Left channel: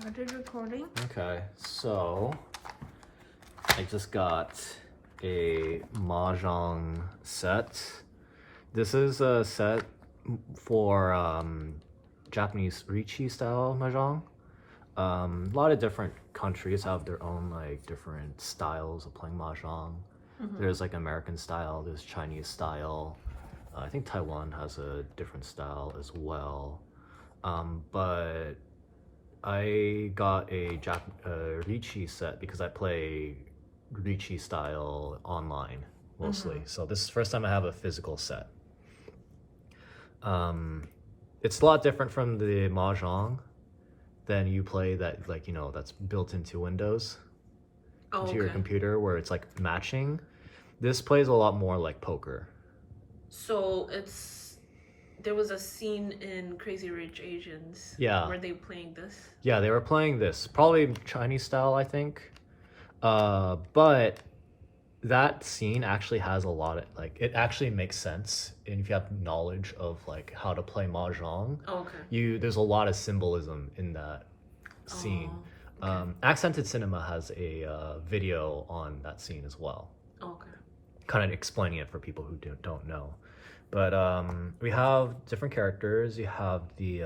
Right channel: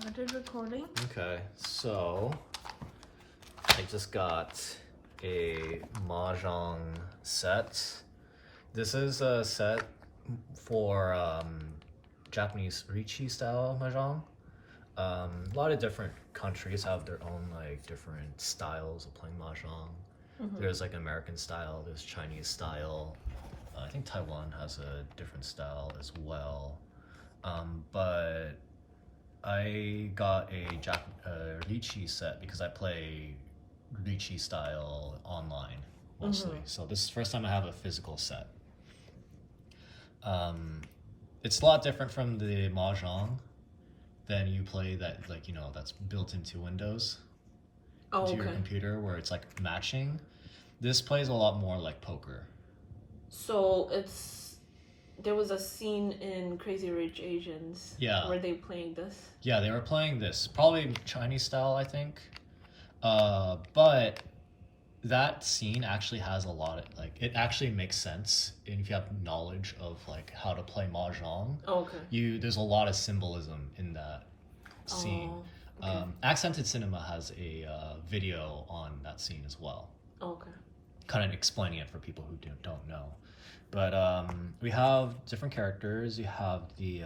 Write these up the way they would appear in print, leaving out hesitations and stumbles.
started recording. Okay, so I just got a Mahjong set. This is a set for Japanese Richi style Mahjong. A lot of different countries have their own like different styles of playing Mahjong. There's like American style, there's Chinese style. I think Taiwan has a different style as well. But I got a Richi set because I play Richi style online mostly. So this is the first time I have a physical set. It's a lot different from the Mahjong than you play that like, you know, that's built into Windows to your computer where it's like matching. This plays a lot more like poker. So there was a scene in Crazy Rich Asians. Yeah. Were they playing this? Yeah, they were playing this. Probably Chinese style, I think. But that scene actually has a lot of, like, it actually makes sense. And if you have knowledge of, like, how to play Mahjong, there's a lot of symbolism in that scene. Accented Cinema has a video on that scene as well. Kind of explaining it for people who don't know. But we have different characters. You have the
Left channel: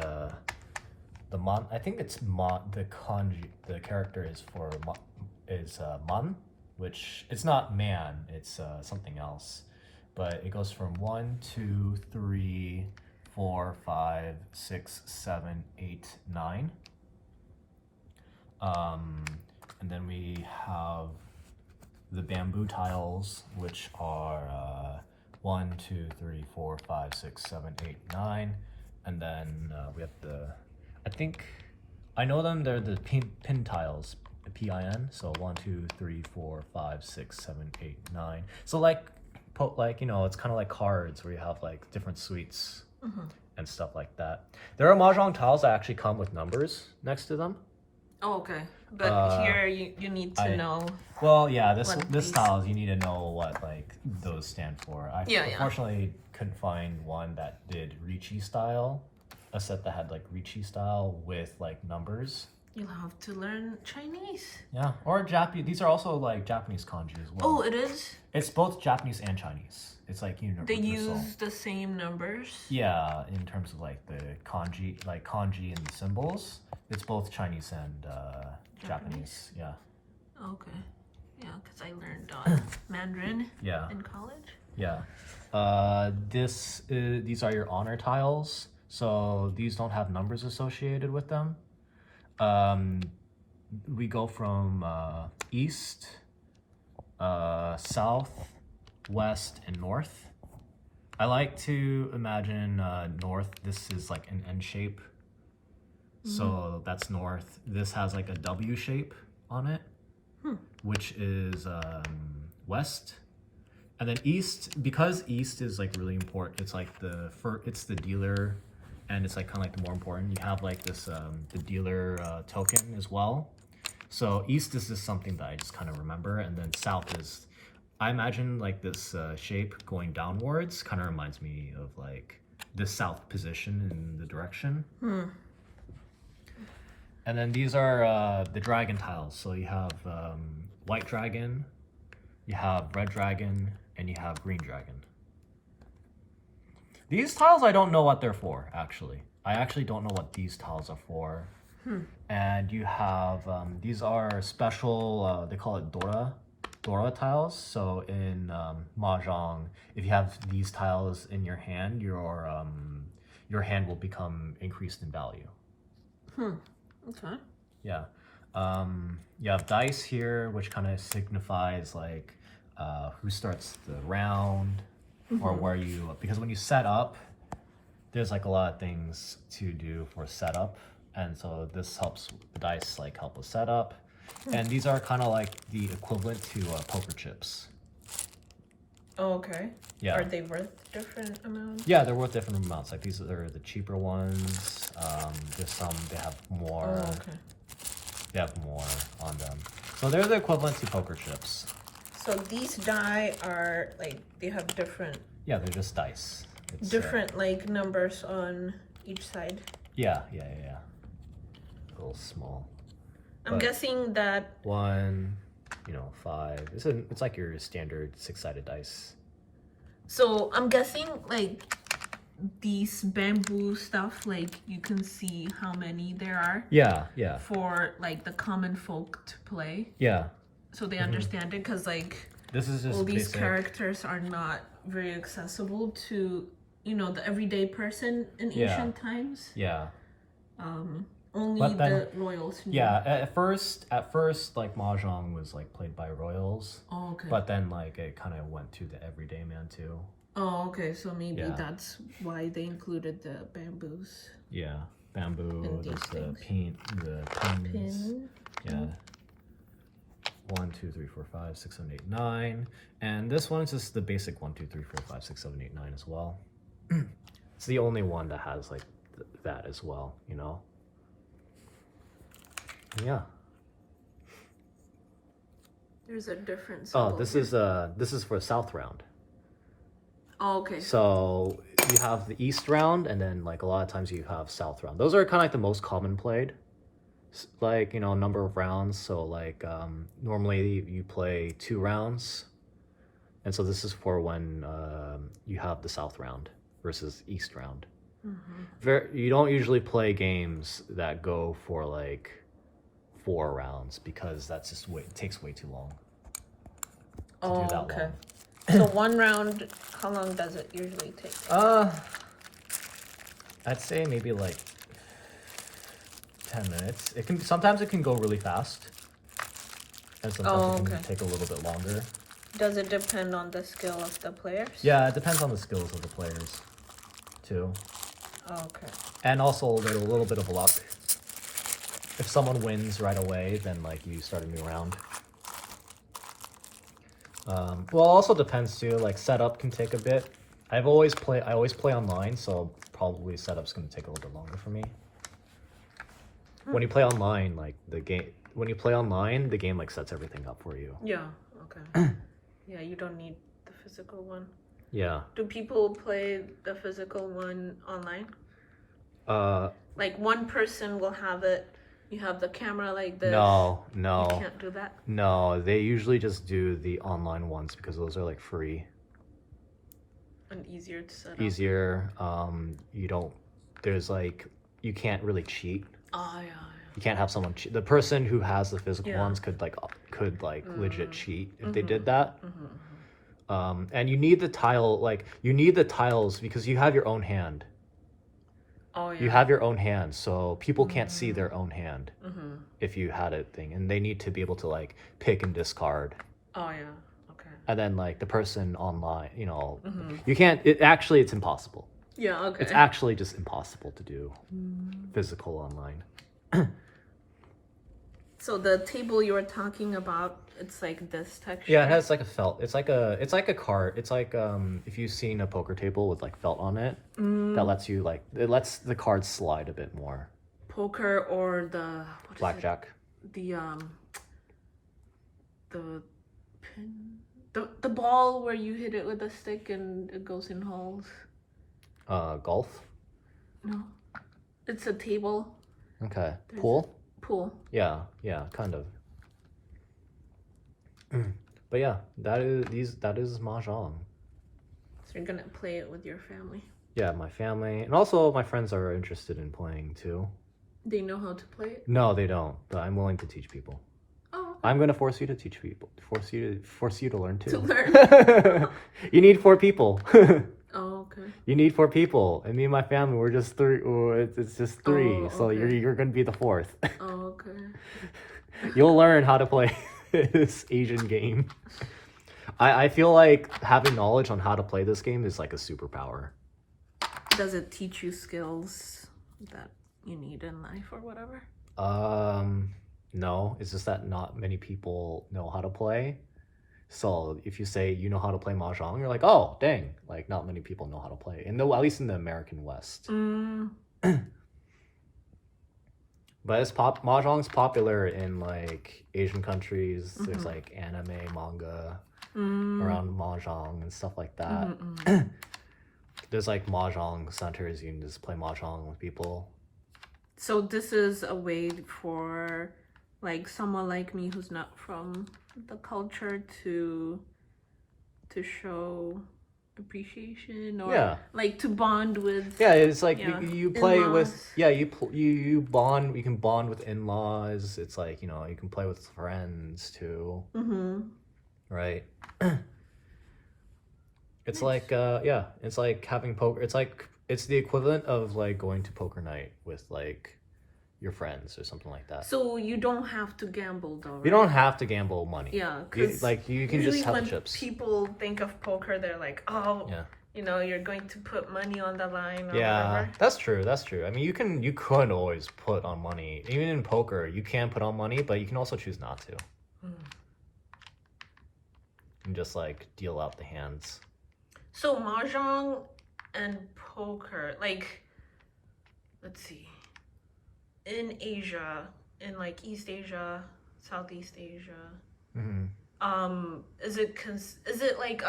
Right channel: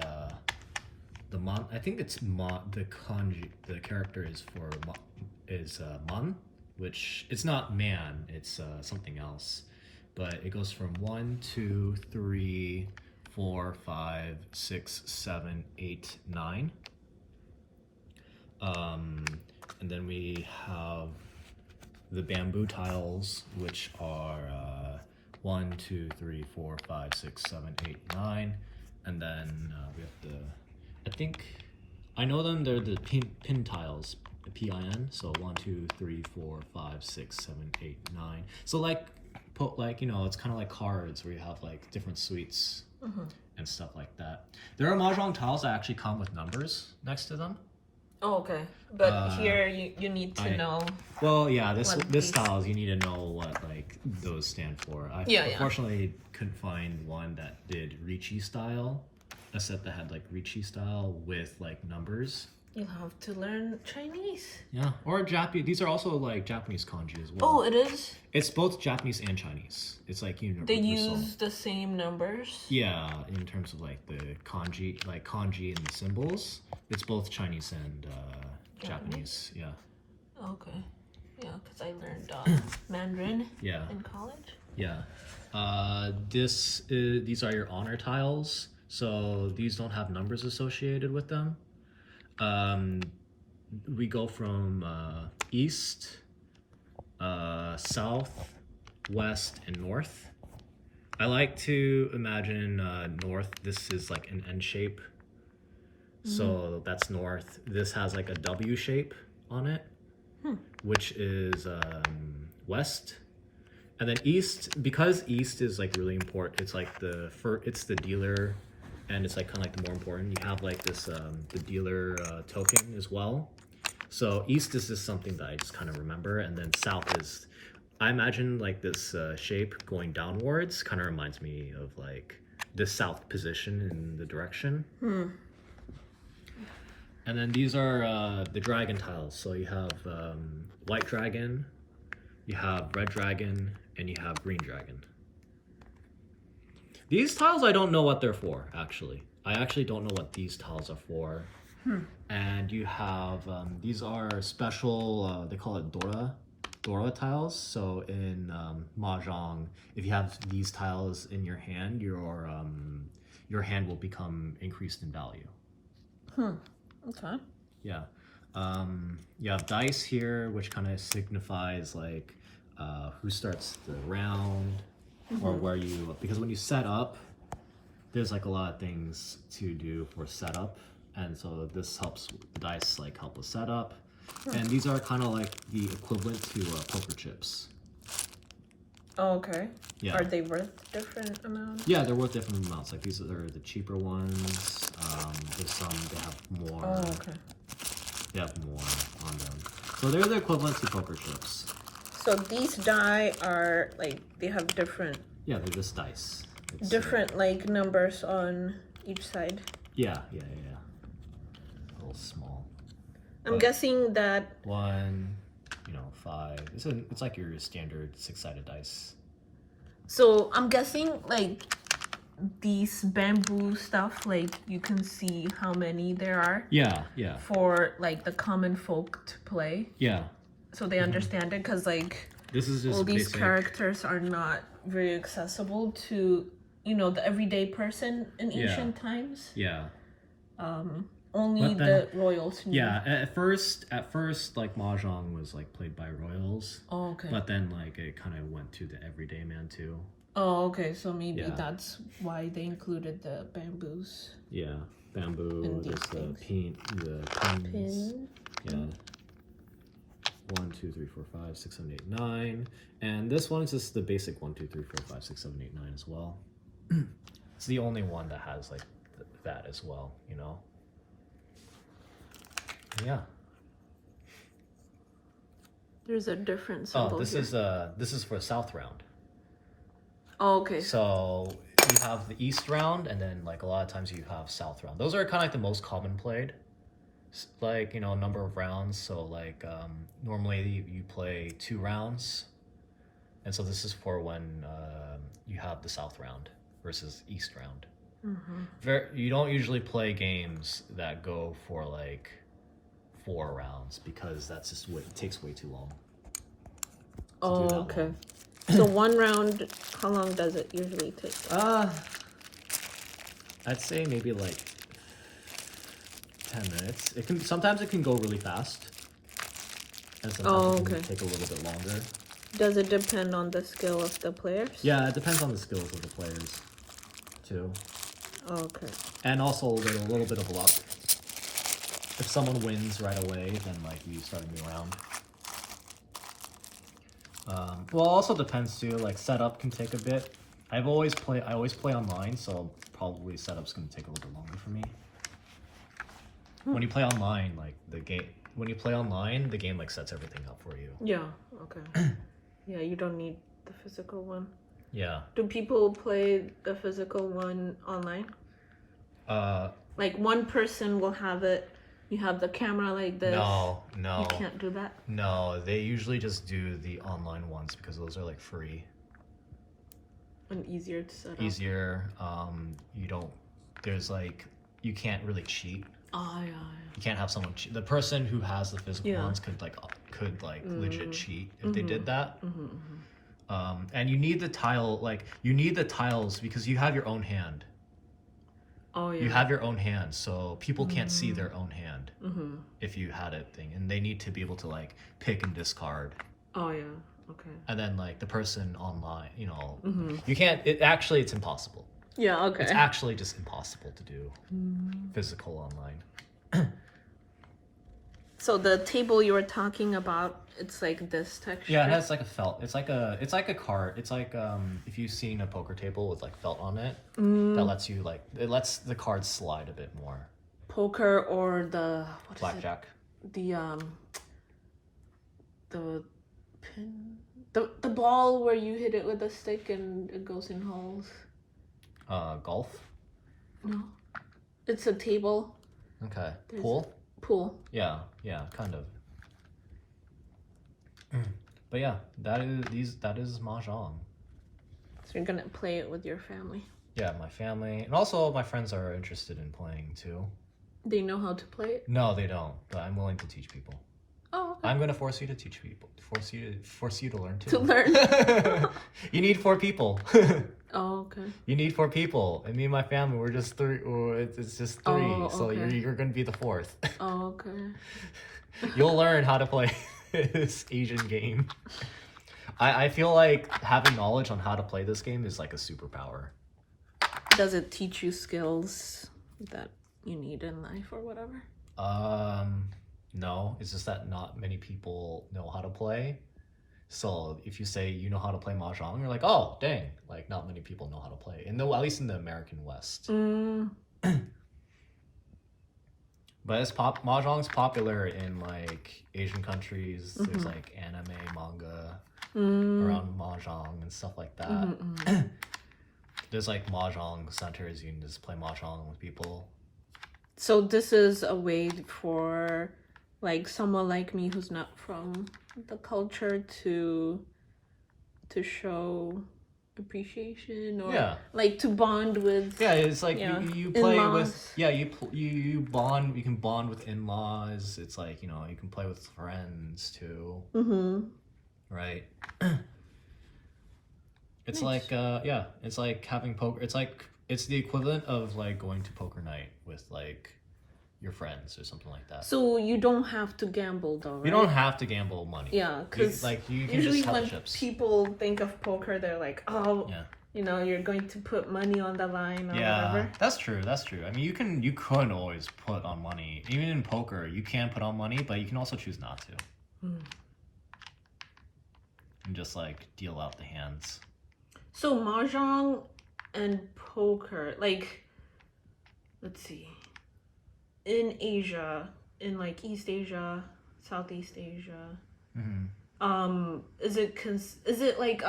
man. I think it's the kanji. The character is for man, which it's not man. It's something else. But it goes from 1, 2, 3, 4, 5, 6, 7, 8, 9. And then we have the bamboo tiles, which are 1, 2, 3, 4, 5, 6, 7, 8, 9, and then we have I know them. They're the pin tiles, PIN. So 1, 2, 3, 4, 5, 6, 7, 8, 9. So like you know, it's kind of like cards where you have like different suites and stuff like that. There are Mahjong tiles that actually come with numbers next to them. But here you need to know. Well, yeah, this styles you need to know what like those stand for. I unfortunately couldn't find one that did Richi style, a set that had like Richi style with like numbers. You'll have to learn Chinese. Yeah, or Japanese. These are also like Japanese kanji as well. Oh, it is? It's both Japanese and Chinese. It's like universal. They use the same numbers? Yeah, in terms of like the kanji and the symbols. It's both Chinese and Japanese. Yeah. Okay. Yeah, because I learned Mandarin in college. Yeah. These are your honor tiles. So these don't have numbers associated with them. We go from east, south, west, and north. I like to imagine north. This is like an N shape. So that's north. This has like a W shape on it, which is west. And then east, because east is like really important. It's like it's the dealer, and it's like kind of like the more important. You have like this the dealer token as well. So east is just something that I just kind of remember, and then south is, I imagine like this shape going downwards kind of reminds me of like the south position in the direction. And then these are the dragon tiles. So you have white dragon, you have red dragon, and you have green dragon. These tiles, I don't know what they're for, actually. I actually don't know what these tiles are for. And you have, these are special, they call it Dora tiles. So in Mahjong, if you have these tiles in your hand, your hand will become increased in value. Okay. Yeah. You have dice here, which kind of signifies like who starts the round or where you, because when you set up, there's like a lot of things to do for setup. And so this helps the dice like help with setup. And these are kind of like the equivalent to poker chips. Oh, okay. Yeah. Are they worth different amounts? Yeah, they're worth different amounts. Like these are the cheaper ones. There's some they have more. Oh, okay. They have more on them. So they're the equivalent to poker chips. So these die are like, they have different. Yeah, they're just dice. It's, different like numbers on each side. Yeah. A little small. I'm But guessing that 1, 5. It's like your standard 6-sided dice. so I'm guessing like these bamboo stuff, like you can see how many there are Yeah. for like the common folk to play. Yeah. So they understand it, because like This is just all these basic. characters are not very accessible to the everyday person in ancient times. Yeah. Only But then- the royals knew. Yeah, at first, like Mahjong was like played by royals, Oh, okay. but then like it kind of went to the everyday man too. Oh, okay. So maybe Yeah. that's why they included the bamboos. Yeah, bamboo, And these there's the things. pins. Pin. Yeah. 1, 2, 3, 4, 5, 6, 7, 8, 9, and this one is just the basic 1, 2, 3, 4, 5, 6, 7, 8, 9 as well. It's the only one that has like that as well, Yeah. There's a difference. Oh, this is for South round. Oh, okay. So you have the East round, and then like a lot of times you have South round. Those are kind of like the most common played, like number of rounds. So like normally you play 2 rounds, and so this is for when you have the South round versus East round. You don't usually play games that go for like 4 rounds, because that's just it takes way too long. Oh, that okay. long. So one round, how long does it usually take? I'd say maybe like 10 minutes. Sometimes it can go really fast, and sometimes it can take a little bit longer. Does it depend on the skill of the players? Yeah, it depends on the skills of the players too. Okay. And also a little bit of luck. If someone wins right away, then like we start a new round. Well, also depends too. Like setup can take a bit. I always play online, so probably setup's gonna take a little bit longer for me. When you play online, like the game like sets everything up for you. Yeah. Okay. Yeah, you don't need the physical one. Yeah. Do people play the physical one online? Like one person will have it. You have the camera like this. No. You can't do that. No, they usually just do the online ones because those are like free. And easier to set up. Easier. You can't really cheat. Yeah. You can't have someone cheat. The person who has the physical ones could legit cheat if they did that. And you need the tiles because you have your own hand. Oh yeah. You have your own hand, so people can't see their own hand if you had a thing, and they need to be able to like pick and discard. Oh yeah. Okay. And then like the person online, you can't. It's impossible. Yeah. Okay. It's actually just impossible to do physical online. So the table you were talking about, it's like this texture. Yeah, it has like a felt. It's like a card. It's like if you've seen a poker table with like felt on it, that lets the cards slide a bit more. Poker or the Blackjack. The pin, the ball where you hit it with a stick and it goes in holes. Golf. No, it's a table. Okay. There's Pool. Yeah, kind of. But yeah, that is Mahjong. So you're gonna play it with your family. Yeah, my family, and also my friends are interested in playing too. They know how to play it? No, they don't. But I'm willing to teach people. Oh. Okay. I'm gonna force you to teach people. Force you to learn too. To learn. You need 4 people. Oh, okay. You need 4 people. And me and my family, we're just 3. It's just 3. Oh, so okay. you're gonna be the 4th. Oh, okay. You'll learn how to play this Asian game. I feel like having knowledge on how to play this game is like a superpower. Does it teach you skills that you need in life or whatever? No. It's just that not many people know how to play. So if you say you know how to play Mahjong, you're like, oh, dang. Like, not many people know how to play. At least in the American West. But Mahjong's popular in, like, Asian countries. There's, like, anime, manga around Mahjong and stuff like that. There's, like, Mahjong centers. You can just play Mahjong with people. So this is a way for, like someone like me who's not from the culture to show appreciation or like to bond with. Yeah, it's like you play in-laws. with you bond. You can bond with in-laws. It's like, you know, you can play with friends too. Right. It's nice. like it's like having poker. It's the equivalent of like going to poker night with like your friends or something like that. So you don't have to gamble though, right? You don't have to gamble money. Yeah, because you can usually just have when chips. people think of poker, they're like, oh, you know, you're going to put money on the line or whatever. That's true. I mean, you could always put on money. Even in poker, you can put on money, but you can also choose not to. And just like deal out the hands. So Mahjong and poker, like, let's see. In Asia, in like East Asia, Southeast Asia, is it like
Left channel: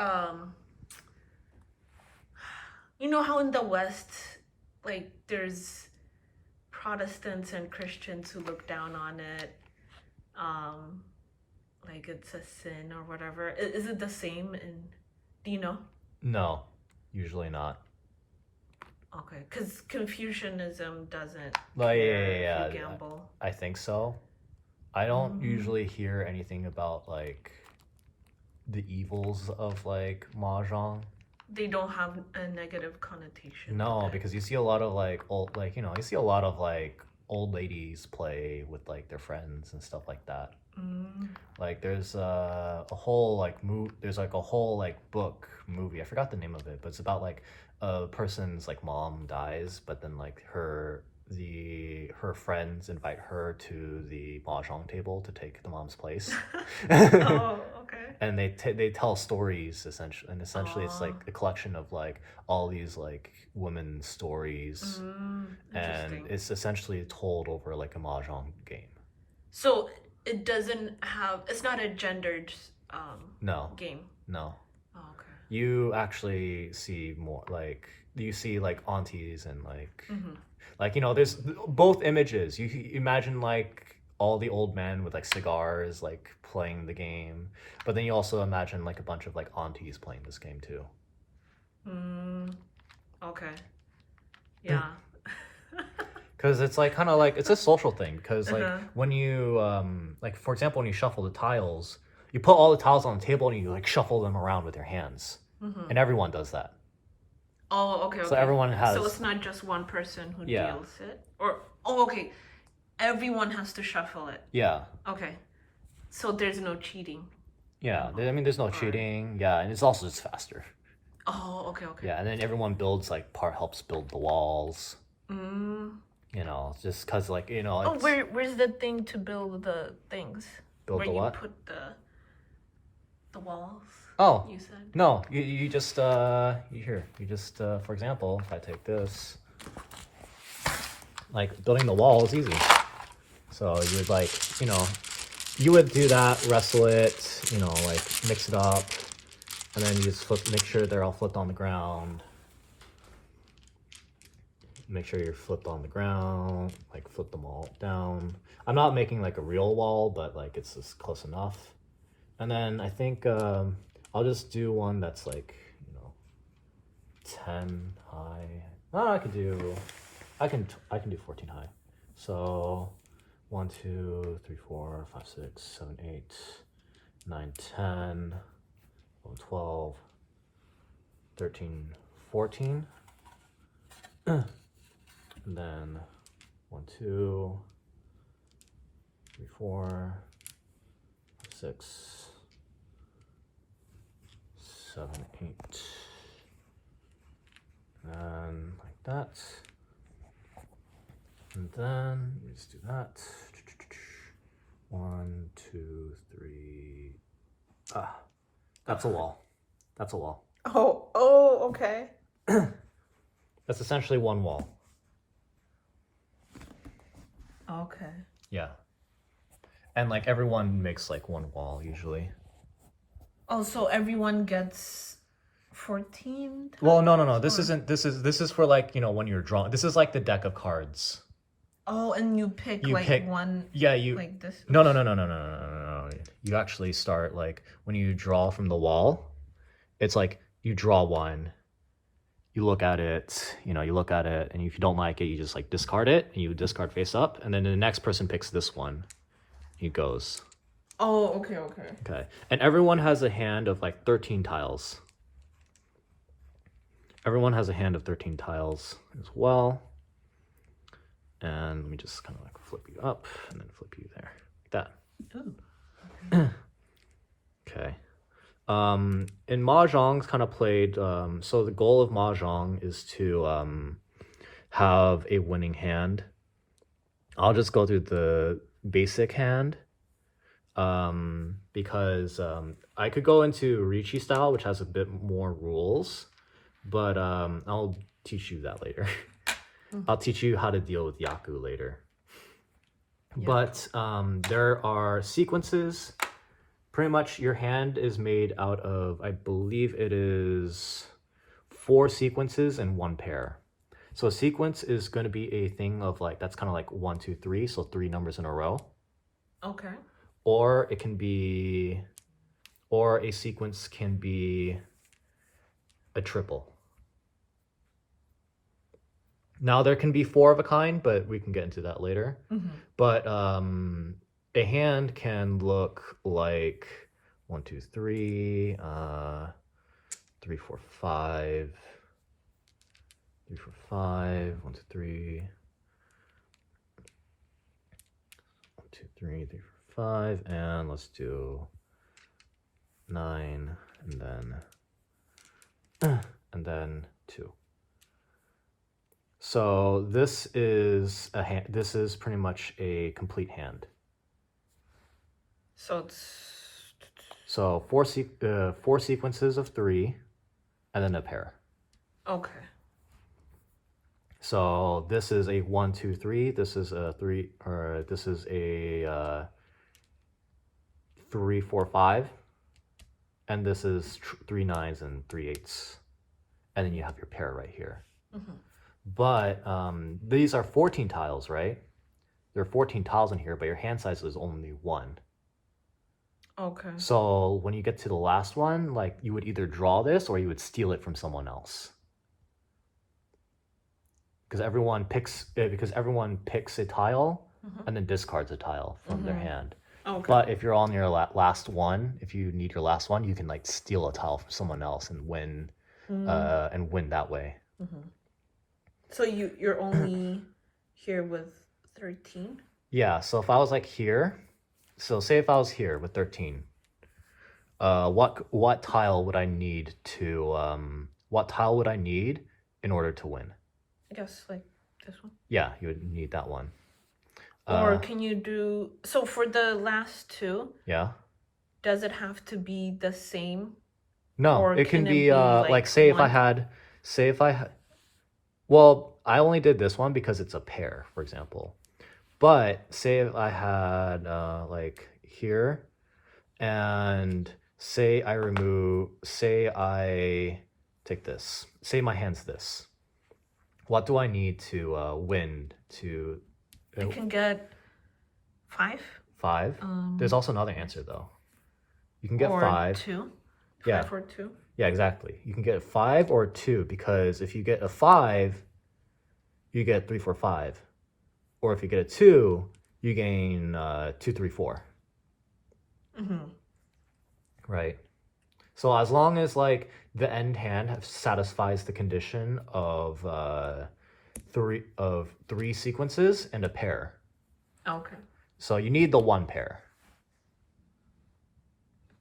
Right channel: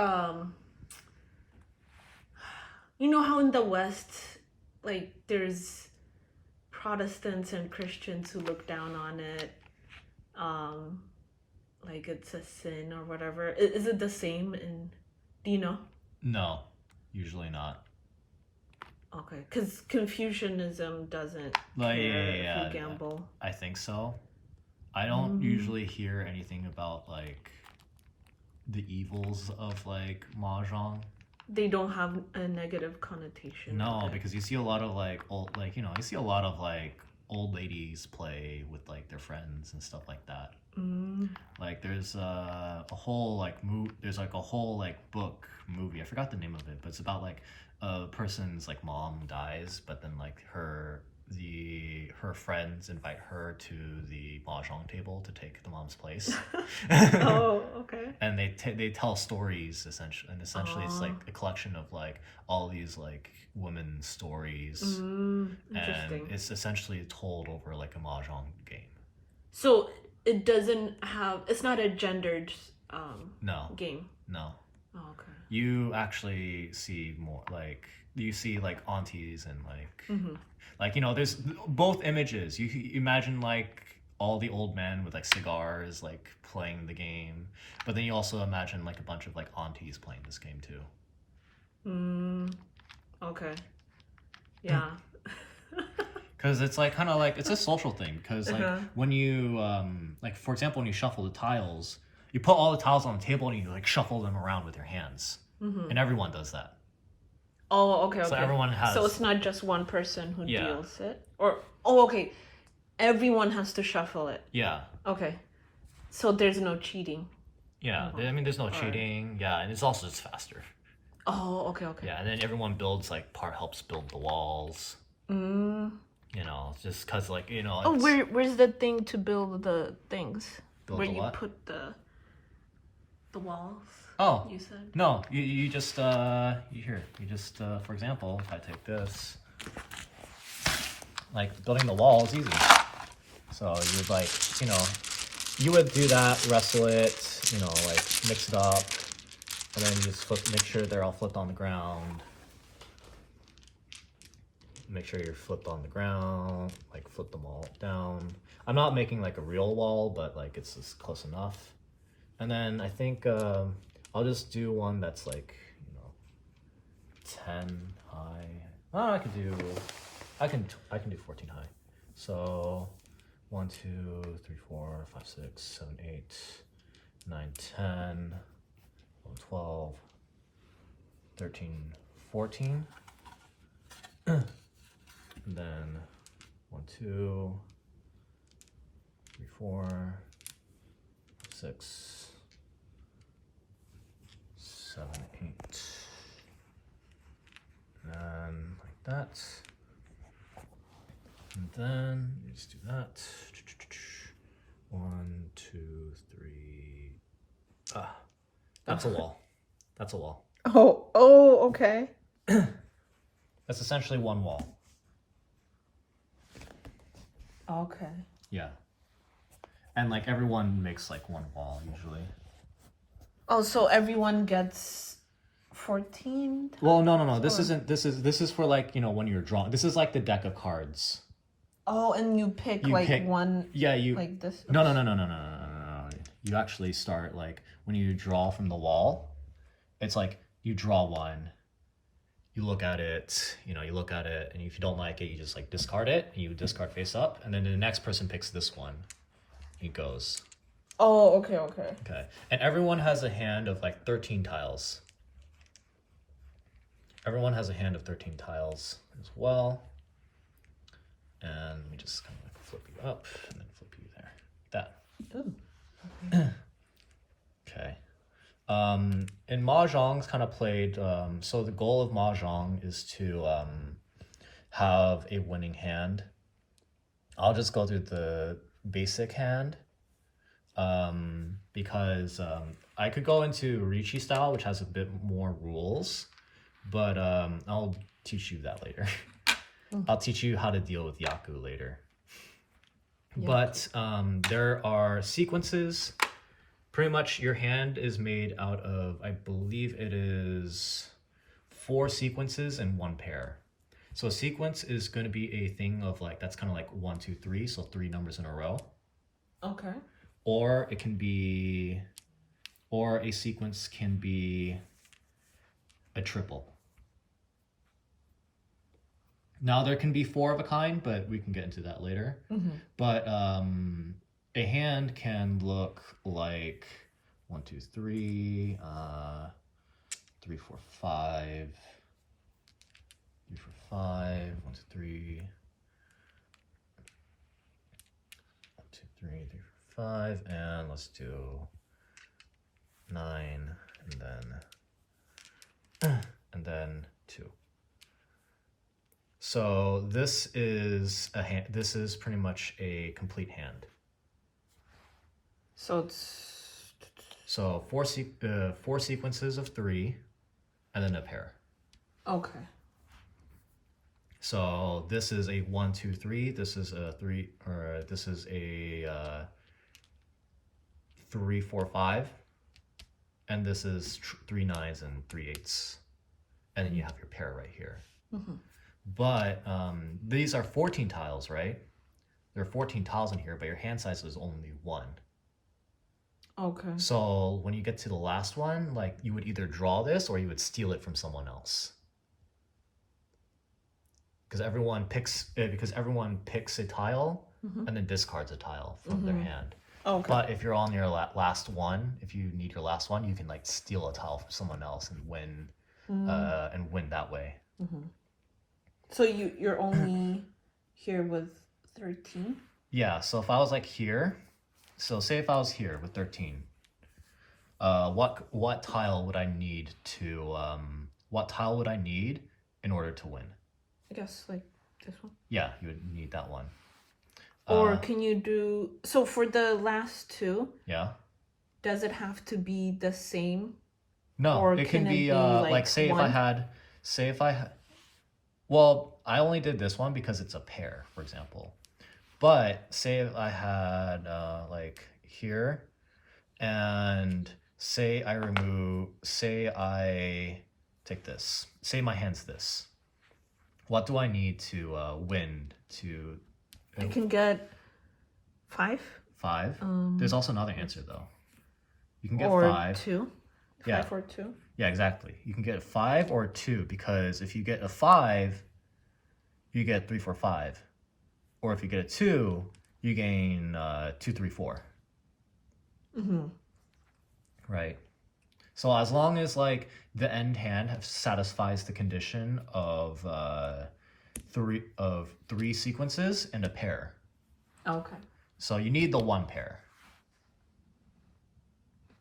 you know how in the West, like there's Protestants and Christians who look down on it, like it's a sin or whatever. Is it the same in? Do you know? No, usually not. Okay, because Confucianism doesn't if you gamble. I think so. I don't usually hear anything about like the evils of like Mahjong. They don't have a negative connotation. No, because you see a lot of like old, like, you know, you see a lot of like old ladies play with like their friends and stuff like that. Like there's a whole like there's like a whole like book movie. I forgot the name of it, but it's about like a person's like mom dies, but then like her friends invite her to the mahjong table to take the mom's place. Oh, okay. And they tell stories essentially it's like a collection of like all these like women's stories, and it's essentially told over like a mahjong game. So it's not a gendered game. No. Oh, okay. You actually see more like you see like aunties and like, you know, there's both images. You imagine like all the old men with like cigars like playing the game, but then you also imagine like a bunch of like aunties playing this game too. Okay. Yeah. Because it's like kind of like it's a social thing, because like when you like for example when you shuffle the tiles, you put all the tiles on the table and you like shuffle them around with your hands, and everyone does that. Oh, okay. So everyone has. So it's not just one person who deals it, or okay, everyone has to shuffle it. Yeah. Okay. So there's no cheating. Yeah, I mean there's no cheating. Yeah, and it's also just faster. Oh, okay. Yeah, and then everyone builds like helps build the walls. You know, just because like, you know. Oh, where's the thing to build the things? Build where the what? You put the walls. Oh, you said. No, you just for example, if I take this, like building the wall is easy. So you would like, you know, you would do that, wrestle it, you know, like mix it up, and then you just make sure they're all flipped on the ground. Make sure you're flipped on the ground, like flip them all down. I'm not making like a real wall, but like it's just close enough. And then I think I'll just do one that's like, you know, 10 high. Oh, I can do 14 high. So 1, 2, 3, 4, 5, 6, 7, 8, 9, 10, 11, 12, 13, 14. And then 1, 2, 3, 4, 6, 7, 8. And like that. And then you just do that. 1, 2, 3. That's a wall. That's a wall. Oh, okay. That's essentially one wall. Okay. Yeah. And like everyone makes like one wall usually. Oh, so everyone gets 14? Well, no. This is for like, you know, when you're drawing. This is like the deck of cards. Oh, and you pick one. Yeah, you like this. No. You actually start like when you draw from the wall. It's like you draw one. You look at it, and if you don't like it, you just like discard it, and you discard face up, and then the next person picks this one. He goes. Oh, okay. Okay, and everyone has a hand of like 13 tiles. Everyone has a hand of 13 tiles as well. And let me just kind of like flip you up and then flip you there, like that. Ooh. Okay. In Mahjong, it's kind of played, so the goal of Mahjong is to have a winning hand. I'll just go through the basic hand because I could go into Ricci style, which has a bit more rules, but I'll teach you that later. I'll teach you how to deal with Yaku later. Yep. But there are sequences. Pretty much your hand is made out of, I believe it is 4 sequences and 1 pair. So a sequence is going to be a thing of like, that's kind of like 1, 2, 3, so 3 numbers in a row. Okay. Or it can be, or a sequence can be a triple. Now there can be 4 of a kind, but we can get into that later. Mm-hmm. But a hand can look like 1, 2, 3, 3, 4, 5, 3, 4, 5, 1, 2, 3, 1, 2, 3, 3, 4, 5, and let's do 9, and then 2. So this is a hand. This is pretty much a complete hand. So it's 4 sequences of 3, and then a pair. Okay. So this is a 1, 2, 3. This is a 3, or this is a 3, 4, 5, and this is 3 9s and 3 8s, and then you have your pair right here. Mm-hmm. But these are 14 tiles, right? There are 14 tiles in here, but your hand size is only 1. Okay. So when you get to the last one, like you would either draw this or you would steal it from someone else. Because everyone picks a tile and then discards a tile from their hand. Okay. But if you're on your last one, if you need your last one, you can like steal a tile from someone else and win that way. Mm-hmm. So you're only here with 13? Yeah, so if I was like here, so say if I was here with 13, what tile would I need in order to win? I guess like this one? Yeah, you would need that one. Or can you do, so for the last 2, yeah, does it have to be the same? No, or it can be like say one? if I had, well, I only did this one because it's a pair, for example. But say if I had like here, and say I take this. Say my hand's this. What do I need to win to? I can get 5. 5? There's also another answer though. You can get or 5. 2. 5 or 2. Yeah, exactly. You can get a 5 or a 2, because if you get a 5, you get 3, 4, 5. Or if you get a 2, you gain 2, 3, 4. Mm-hmm. Right. So as long as like the end hand satisfies the condition of 3 sequences and a pair. Okay. So you need the 1 pair.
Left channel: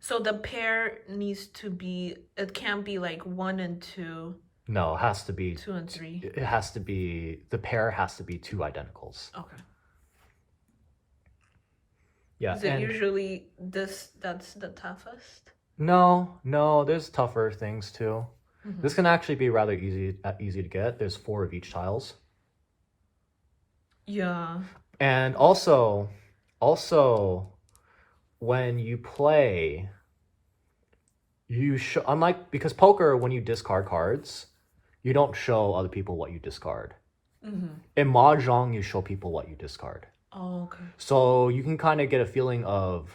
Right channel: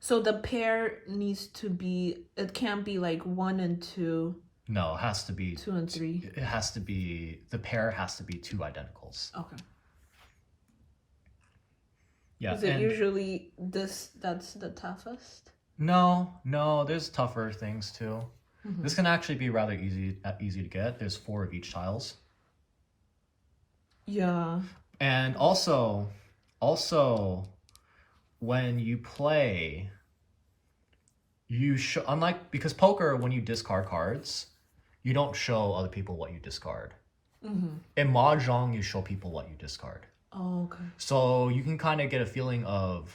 So the pair needs to be, it can't be like 1 and 2. No, it has to be 2 and 3. It has to be, the pair has to be 2 identicals. Okay. Yeah. Is it usually that's the toughest? No, there's tougher things too. Mm-hmm. This can actually be rather easy to get. There's 4 of each tiles. Yeah. And also when you play, unlike, because poker, when you discard cards, you don't show other people what you discard. In Mahjong, you show people what you discard. Oh, okay. So you can kind of get a feeling of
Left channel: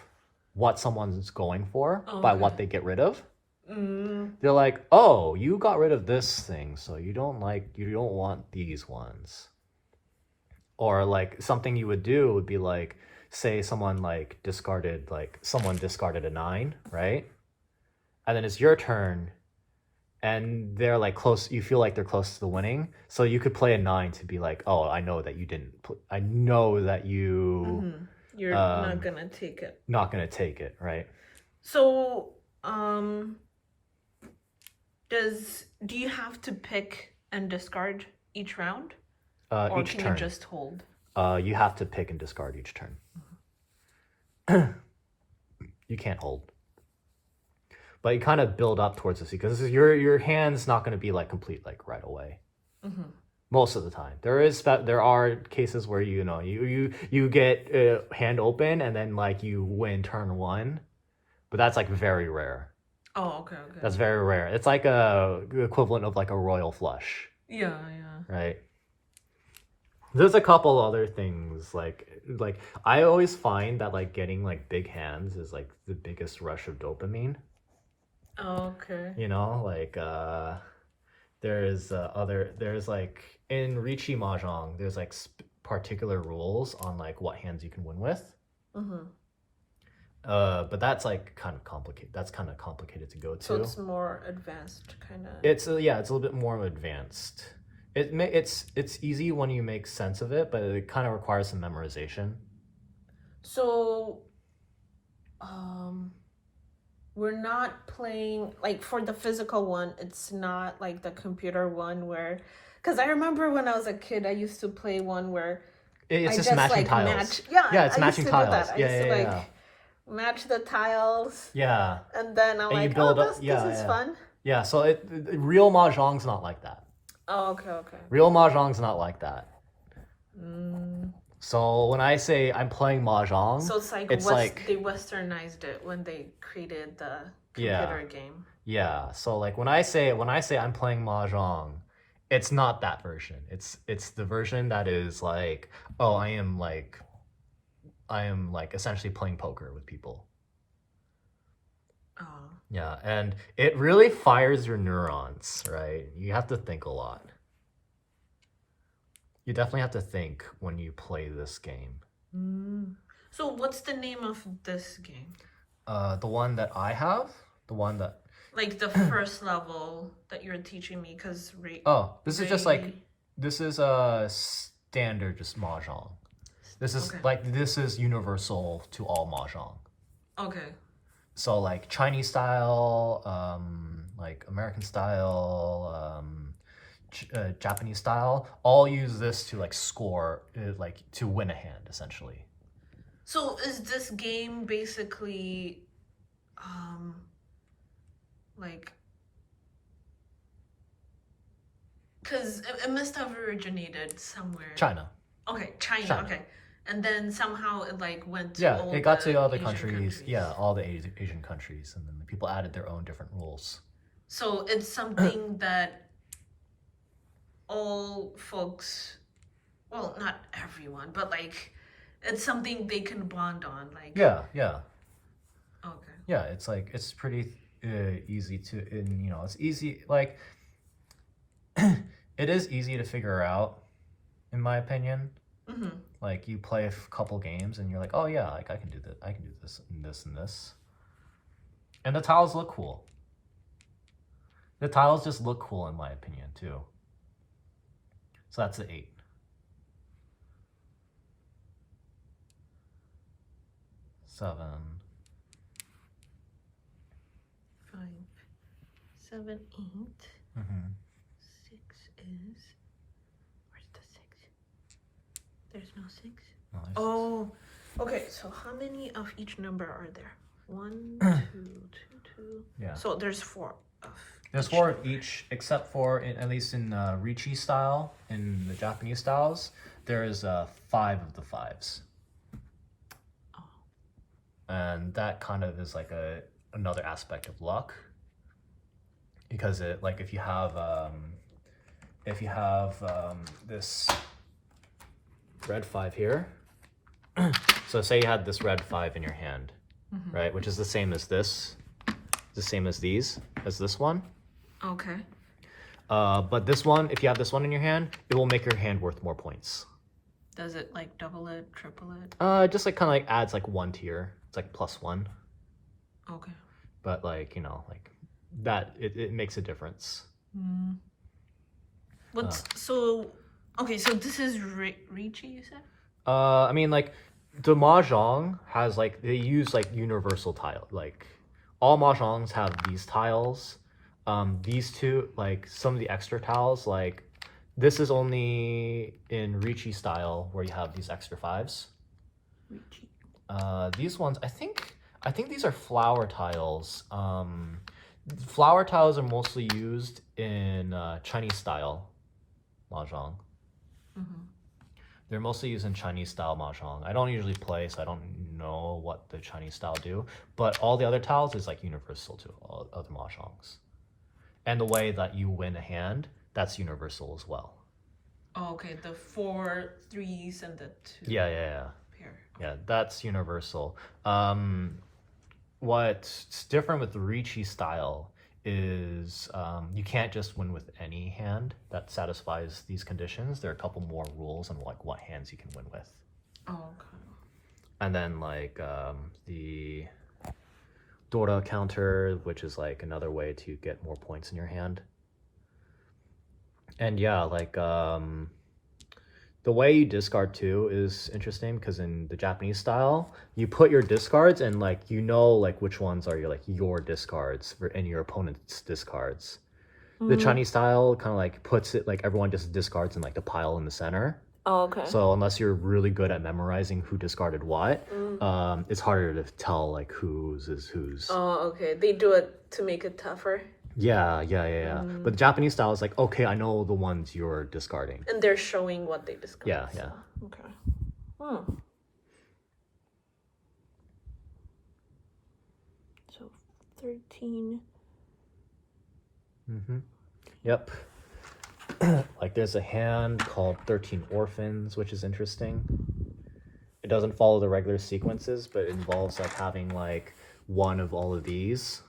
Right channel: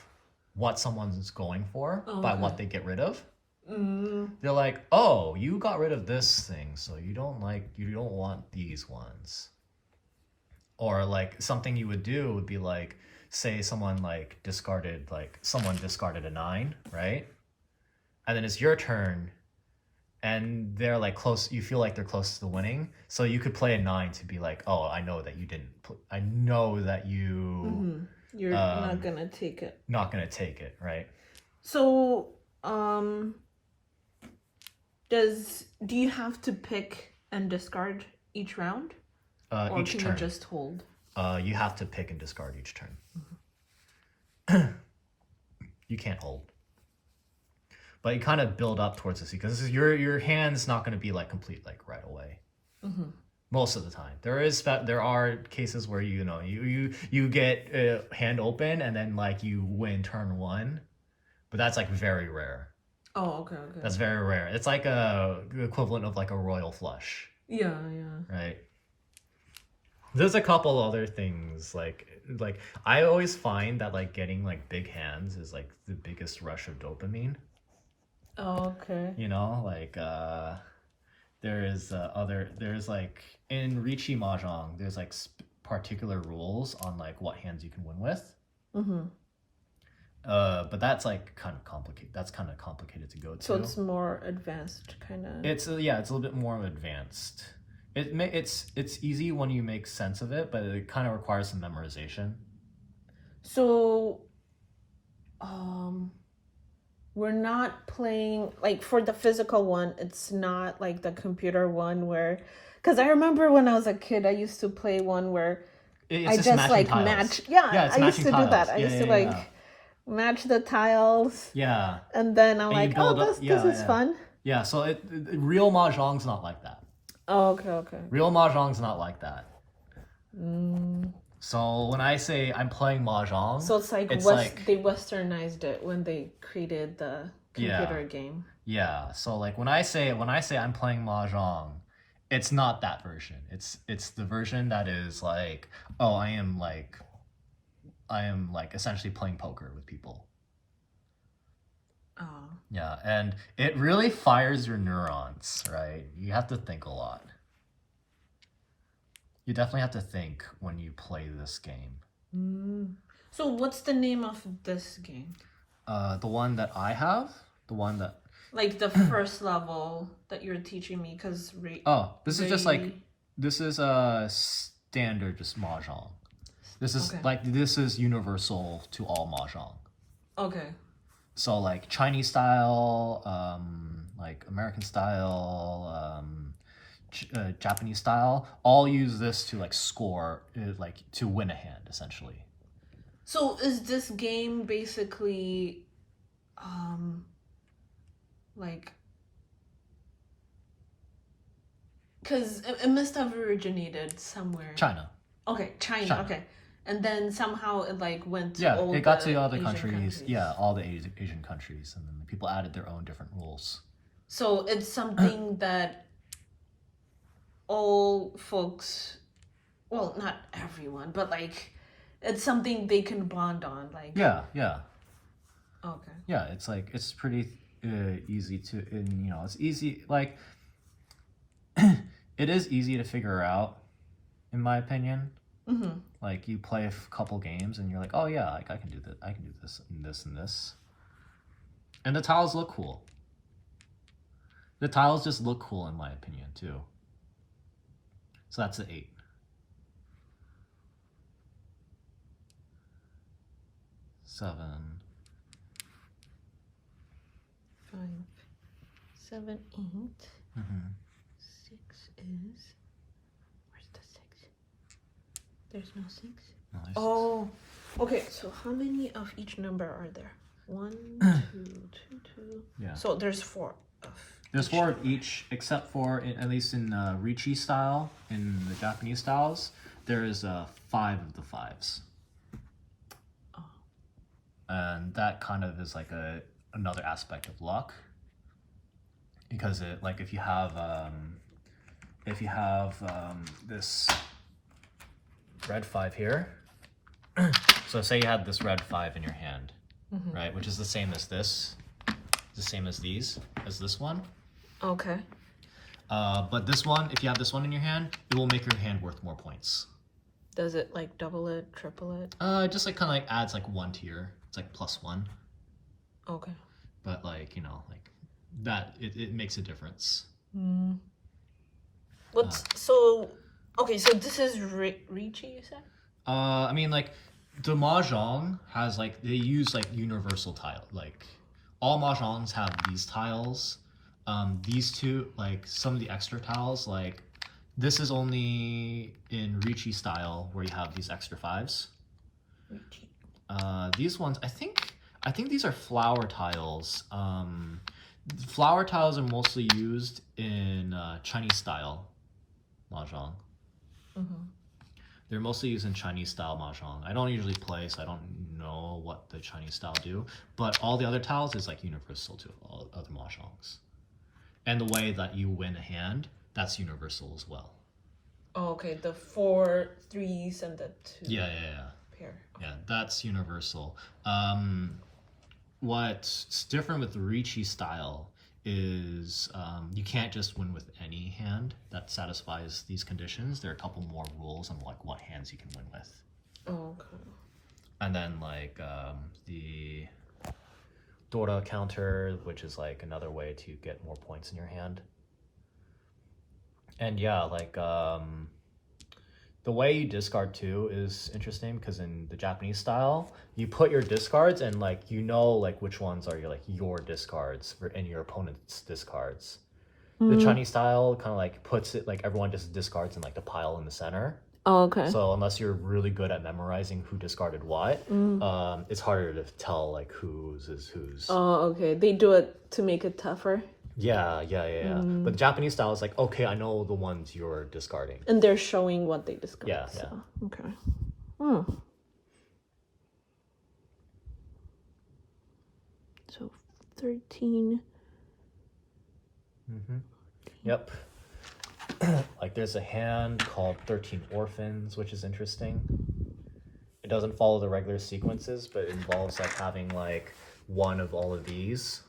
what someone's going for by what they get rid of. They're like, oh, you got rid of this thing, so you don't want these ones. Or like something you would do would be like, say someone discarded a 9, right? And then it's your turn, and they're like close. You feel like they're close to the winning, so you could play a 9 to be like, oh, I know that you didn't. I know that you. You're not gonna take it. Not gonna take it, right? So, do you have to pick and discard each round? Or Each can turn. You just hold? You have to pick and discard each turn. You can't hold. But you kind of build up towards this because your hand's not going to be like complete like right away. Most of the time, there are cases where you get hand open and then like you win turn 1, but that's like very rare. Oh, okay. That's very rare. It's like the equivalent of like a royal flush. Yeah. Right. There's a couple other things like I always find that like getting like big hands is like the biggest rush of dopamine. Oh, okay. Like there's like in Richi Mahjong, there's like particular rules on like what hands you can win with. But that's like kind of complicated. That's kind of complicated to go to. So it's more advanced, kind of. It's a little bit more advanced. It's easy when you make sense of it, but it kind of requires some memorization. So, we're not playing like for the physical one. It's not like the computer one where, because I remember when I was a kid, I used to play one where it's just matching tiles. Match. It's I used to tiles. do that. I used to match the tiles. Yeah. And then I'm and like, this is fun. Yeah. So real Mahjong's not like that. Oh, okay. Real Mahjong's not like that. So when I say I'm playing Mahjong, so it's like they westernized it when they created the computer game. Yeah. So like when I say I'm playing Mahjong, it's not that version. It's the version that is like, oh, I am like essentially playing poker with people. Oh. Yeah, and it really fires your neurons, right? You have to think a lot. You definitely have to think when you play this game. So what's the name of this game? The one that I have? The one that... Like the first level that you're teaching me, because... this is just like... This is a standard just Mahjong. This is this is universal to all Mahjong. Okay. So like Chinese style, like American style, Japanese style, all use this to like score, like to win a hand essentially. So is this game basically, like, because it must have originated somewhere. China. Okay, China. Okay. And then somehow it like went to all it got to other Asian countries. Yeah, all the Asian countries, and then the people added their own different rules. So it's something that all folks, well, not everyone, but like it's something they can bond on. Like yeah. Okay. Yeah, it's like it's pretty easy to, and it's easy like it is easy to figure out, in my opinion. Like you play a couple games and you're like, oh yeah, like I can do this and this and this, and the tiles look cool. The tiles just look cool in my opinion too. So that's the 8. 7. 5, 7, 8. 6 is. Where's the 6? There's no 6. No, oh, okay. So how many of each number are there? 1, 2, 2, 2. Yeah. So there's 4 of. There's 4 of each, except for at least in Richi style, in the Japanese styles, there is 5 of the 5s. Oh. And that kind of is like another aspect of luck, because it like if you have if you have this red 5 here, so say you had this red 5 in your hand, right, which is the same as this, the same as this one. Okay. But this one, if you have this one in your hand, it will make your hand worth more points. Does it like double it, triple it? Just like kind of like adds like 1 tier. It's like +1. Okay. But like, you know, like that, it makes a difference. So this is Ricci, you said? I mean, like the Mahjong has like, they use like universal tile. Like all Mahjongs have these tiles. These two, like some of the extra tiles, like this is only in Ricci style where you have these extra 5s. These ones, I think these are flower tiles. Flower tiles are mostly used in Chinese style Mahjong. They're mostly used in Chinese style Mahjong. I don't usually play, so I don't know what the Chinese style do. But all the other tiles is like universal to all other Mahjongs. And the way that you win a hand, that's universal as well. Oh, okay. The 4 3s and the 2. Yeah. Pair. Yeah, that's universal. What's different with the Ricci style is you can't just win with any hand that satisfies these conditions. There are a couple more rules on like what hands you can win with. Oh, okay. And then like the Dora counter, which is like another way to get more points in your hand. And yeah, like the way you discard too is interesting because in the Japanese style, you put your discards and like you know like which ones are your discards and your opponent's discards. The Chinese style kind of like puts it like everyone just discards in like the pile in the center. Oh, okay. So unless you're really good at memorizing who discarded what, it's harder to tell like whose is whose. Oh, okay. They do it to make it tougher. Yeah. But the Japanese style is like, okay, I know the ones you're discarding. And they're showing what they discard. Yeah. Okay. So 13. Yep. Like there's a hand called 13 Orphans, which is interesting. It doesn't follow the regular sequences, but it involves like having like one of all of these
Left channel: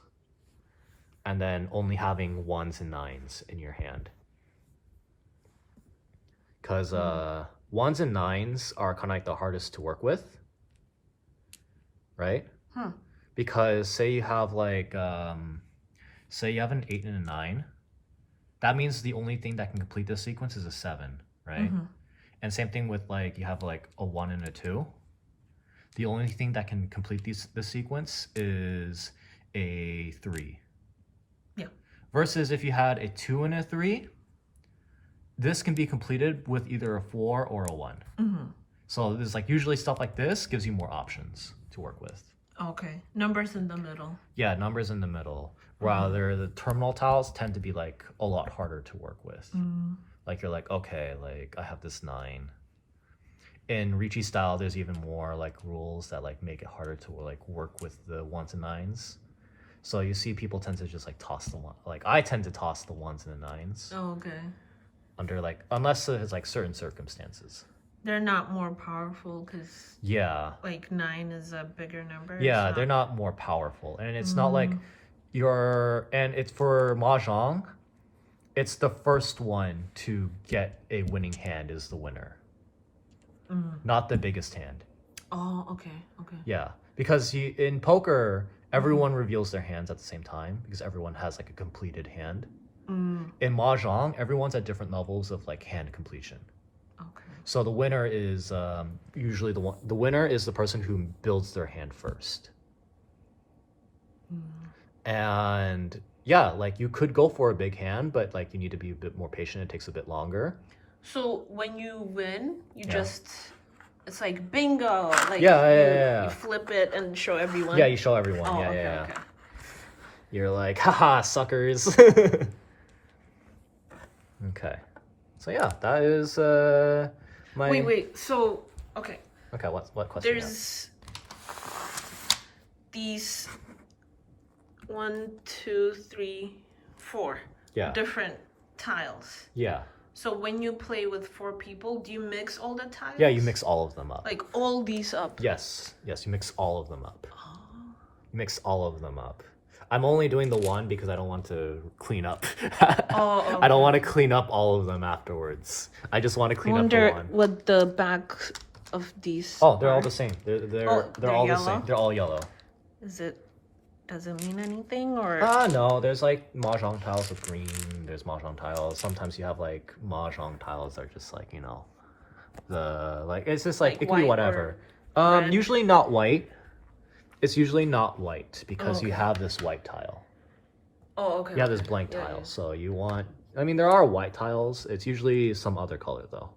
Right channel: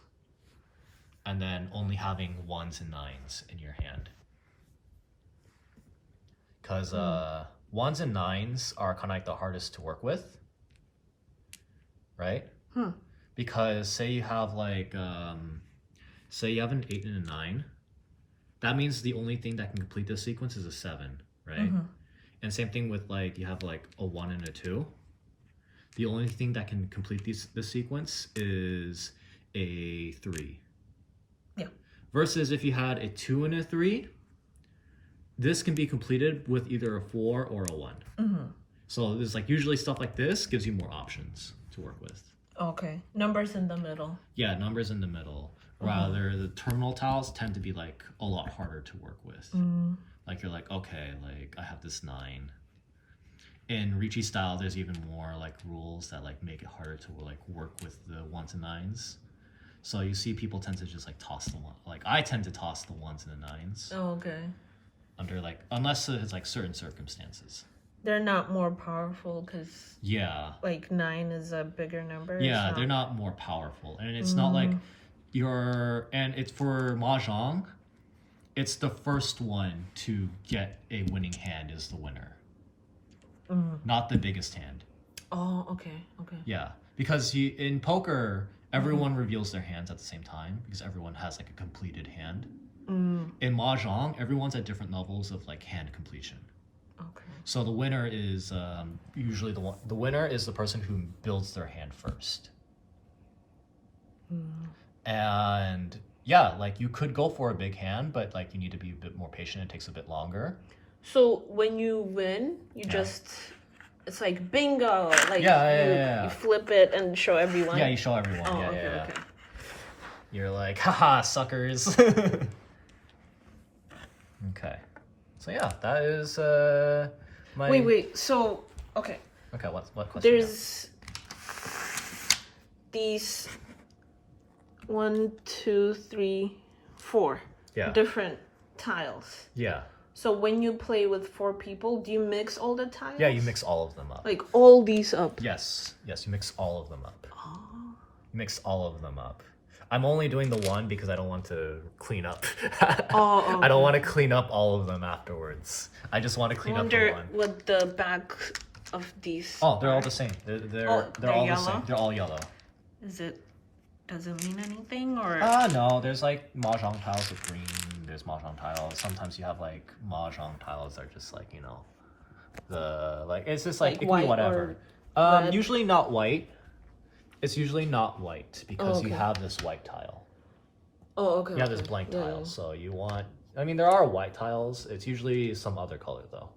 and then only having 1s and 9s in your hand. Because 1s and 9s are kind of like the hardest to work with, right? Because say you have like, say you have an 8 and a 9, that means the only thing that can complete this sequence is a 7, right? And same thing with like, you have like a 1 and a 2. The only thing that can complete this sequence is a 3. Yeah. Versus if you had a 2 and a 3, this can be completed with either a 4 or a 1. So there's like usually stuff like this gives you more options to work with. Okay. Numbers in the middle. Yeah, numbers in the middle. Rather, the terminal tiles tend to be like a lot harder to work with. Like you're like, okay, like I have this 9. In Ricci style, there's even more like rules that like make it harder to like work with the 1s and 9s. So you see people tend to just like toss them. Like I tend to toss the 1s and the 9s. Oh, okay. Under like, unless it's like certain circumstances. They're not more powerful because like 9 is a bigger number. Yeah, they're not more powerful, and it's not like and it's for Mahjong, it's the first one to get a winning hand is the winner, not the biggest hand. Oh, okay. Yeah, because in poker, everyone reveals their hands at the same time because everyone has like a completed hand. In Mahjong, everyone's at different levels of like hand completion. Okay. So the winner is usually the winner is the person who builds their hand first. And yeah, like you could go for a big hand, but like you need to be a bit more patient. It takes a bit longer. So when you win, you just it's like bingo. Like you flip it and show everyone. Yeah, you show everyone. Oh, yeah. Okay. You're like, haha, suckers. Okay. So yeah, that is my. Wait. So okay. Okay, what question? There's these 1, 2, 3, 4 different tiles. Yeah. So when you play with 4 people, do you mix all the tiles? Yeah, you mix all of them up. Like all these up? Yes, you mix all of them up. Oh. You mix all of them up. I'm only doing the one because I don't want to clean up. Okay. I don't want to clean up all of them afterwards. I just want to clean up the one. What the back of these Oh, they're all the same. They're all yellow? the same. They're all yellow. Does it mean anything or? No, there's like Mahjong tiles with green, there's Mahjong tiles. Sometimes you have like Mahjong tiles that are just like, you know, it's just like it can be whatever. Usually not white. It's usually not white because you have this white tile. Oh, okay. You have this blank tile, so you want. I mean, there are white tiles. It's usually some other color though.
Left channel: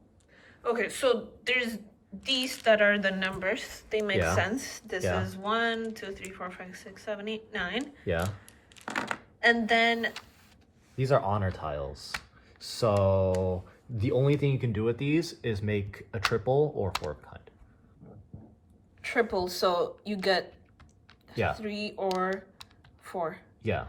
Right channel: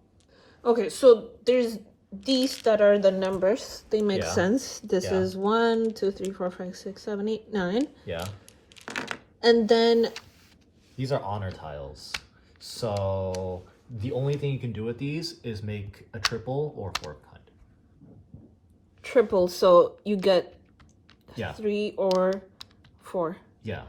Okay, so there's these that are the numbers. They make sense. This is 1, 2, 3, 4, 5, 6, 7, 8, 9. Yeah. And then these are honor tiles. So the only thing you can do with these is make a triple or 4 of a kind. Triple, so you get 3 or 4. Yeah.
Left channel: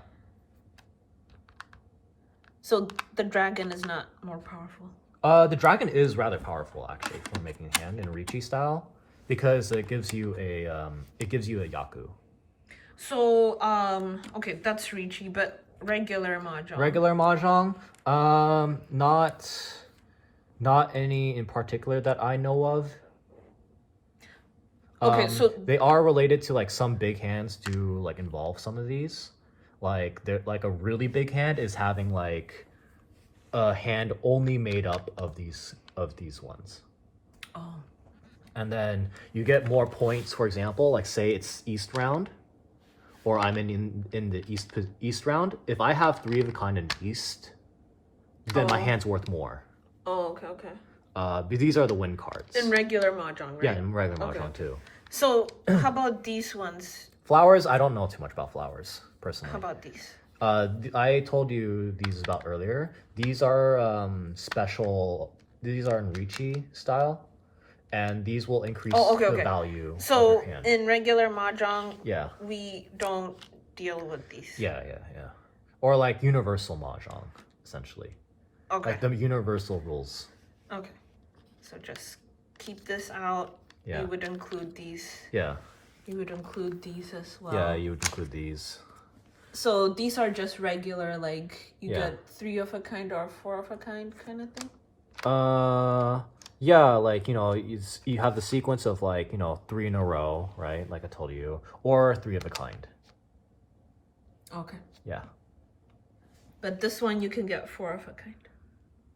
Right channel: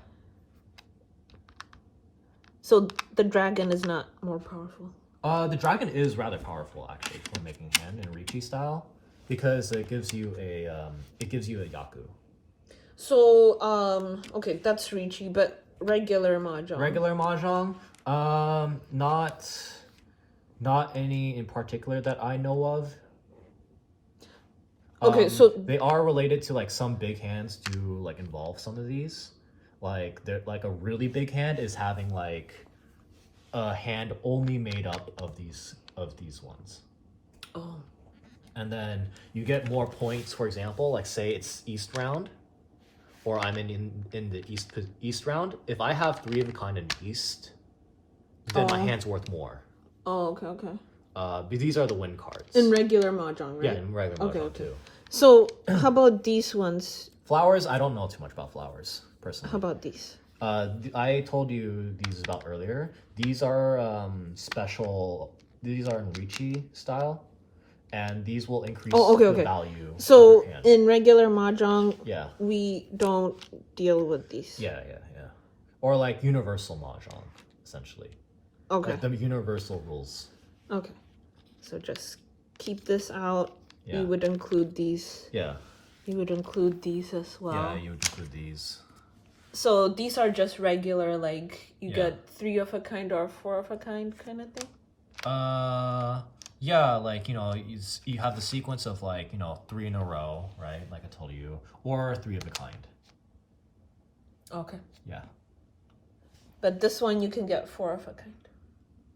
So the dragon is not more powerful. The dragon is rather powerful actually for making hand in Riichi style because it gives you a yaku. So okay, that's Riichi, but regular Mahjong. Regular Mahjong, not any in particular that I know of. Okay, so they are related to like some big hands do like involve some of these. Like they're like a really big hand is having like a hand only made up of these ones. Oh. And then you get more points, for example, like say it's East round, or I'm in the East round. If I have 3 of a kind in East, then my hand's worth more. Oh, okay. But these are the win cards. In regular Mahjong, right? Yeah, in regular Mahjong too. So, how about these ones? Flowers, I don't know too much about flowers, personally. How about these? I told you these about earlier. These are special. These are in Riichi style, and these will increase the value. So in regular Mahjong, yeah, we don't deal with these. Yeah. Or like universal Mahjong, essentially. Okay. Like the universal rules. Okay. So just keep this out. Yeah. You would include these. Yeah. You would include these as well. Yeah, you would include these. So these are just regular, like you get 3 of a kind or 4 of a kind of thing? Yeah, like, you know, you have the sequence of like, you know, 3 in a row, right? Like I told you, or 3 of a kind. Okay. Yeah. But this one you can get 4 of a kind.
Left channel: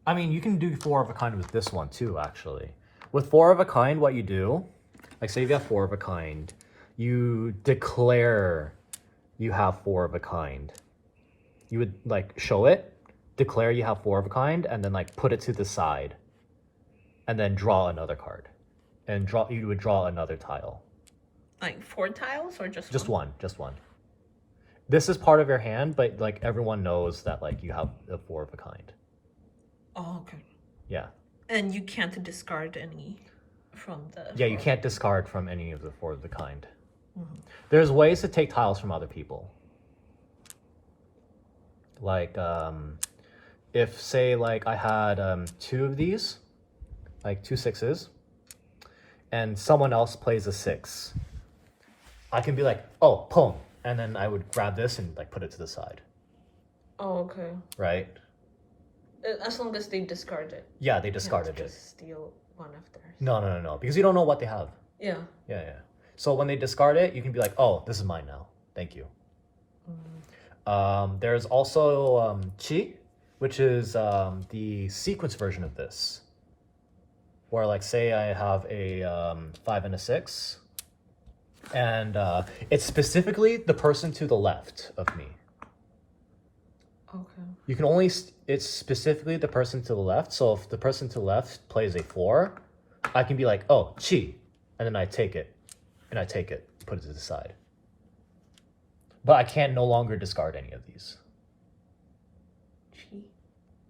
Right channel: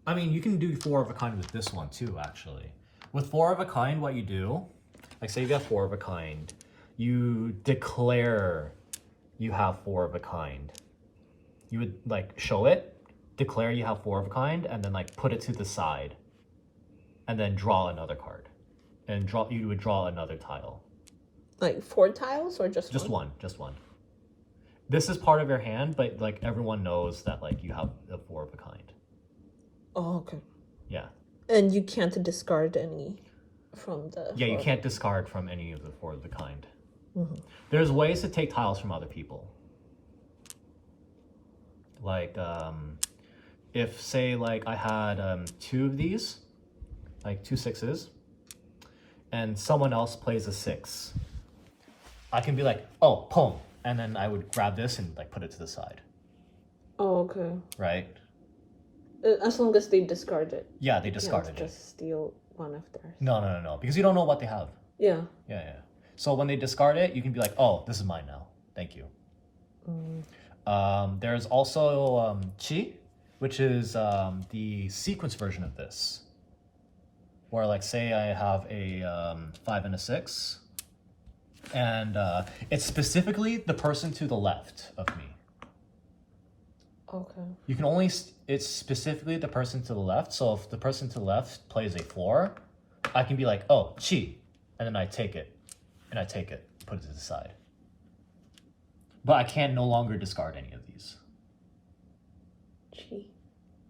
I mean, you can do 4 of a kind with this one too, actually. With 4 of a kind, what you do, like say you got 4 of a kind, you declare you have 4 of a kind. You would like show it, declare you have 4 of a kind, and then like put it to the side, and then draw another card, and you would draw another tile. Like 4 tiles or just one? Just one. This is part of your hand, but like everyone knows that like you have a 4 of a kind. Oh, okay. Yeah. And you can't discard any from the... Yeah, you can't discard from any of the 4 of a kind. Mm-hmm. There's ways to take tiles from other people. Like, if say like I had 2 of these, like 2 6s, and someone else plays a 6, I can be like, oh, boom, and then I would grab this and like put it to the side. Oh, okay. Right? As long as they discard it. Yeah, they discarded it. Just steal one of theirs. No, because you don't know what they have. Yeah. Yeah. So when they discard it, you can be like, oh, this is mine now. Thank you. Mm. There's also Chi, which is the sequence version of this. Where like say I have a 5 and a 6, and it's specifically the person to the left of me. Okay. You can only, it's specifically the person to the left. So if the person to the left plays a 4, I can be like, oh, Chi, and then I take it, put it to the side. But I can no longer discard any of these.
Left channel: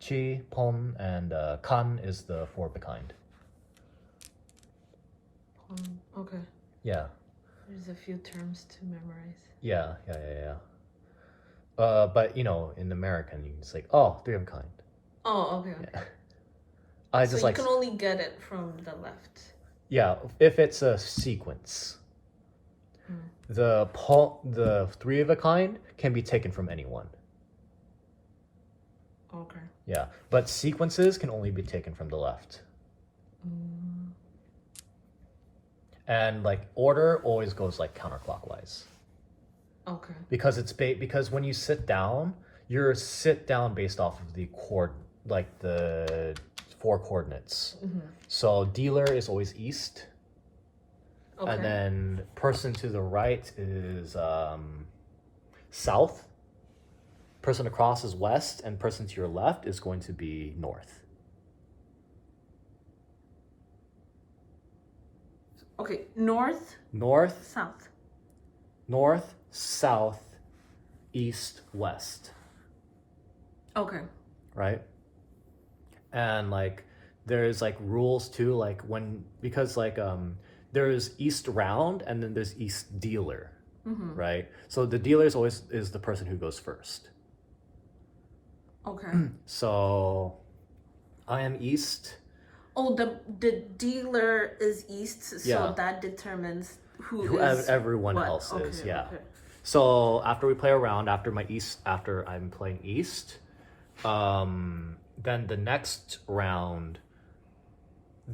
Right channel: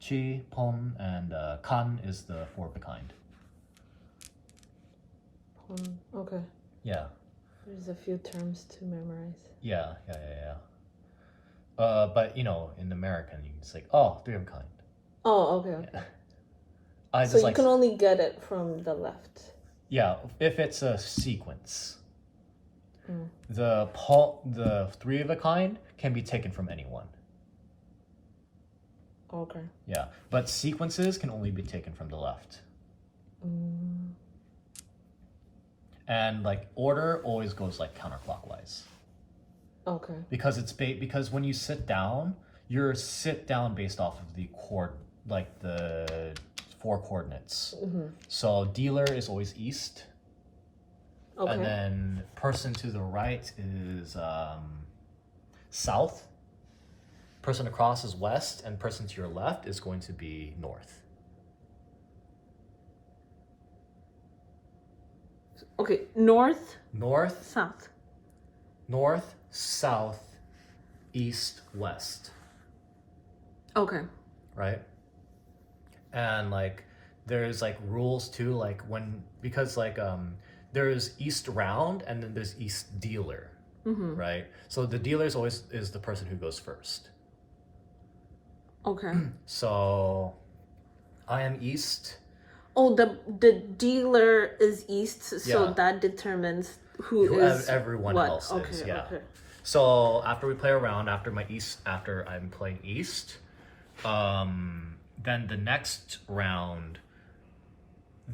Chi, Pon, and Kan is the 4 of a kind. Okay. Yeah. There's a few terms to memorize. Yeah. But you know, in American, you can say, oh, 3 of a kind. Oh, okay. So you can only get it from the left. Yeah, if it's a sequence. The three of a kind can be taken from anyone. Okay. Yeah, but sequences can only be taken from the left. And like order always goes like counterclockwise. Okay. Because when you sit down, you're sit down based off of the the 4 coordinates. So dealer is always east. Okay. And then person to the right is south. Person across is west, and person to your left is going to be north. Okay, north, south. North, south, east, west. Okay. Right? And like there's like rules too, like because there's east round and then there's east dealer. Right? So the dealer is the person who goes first. Okay. So I am east. Oh, the dealer is east, so that determines who is everyone what? else Okay, is. Yeah. Okay. So after we play a round, after I'm playing east, then the next round,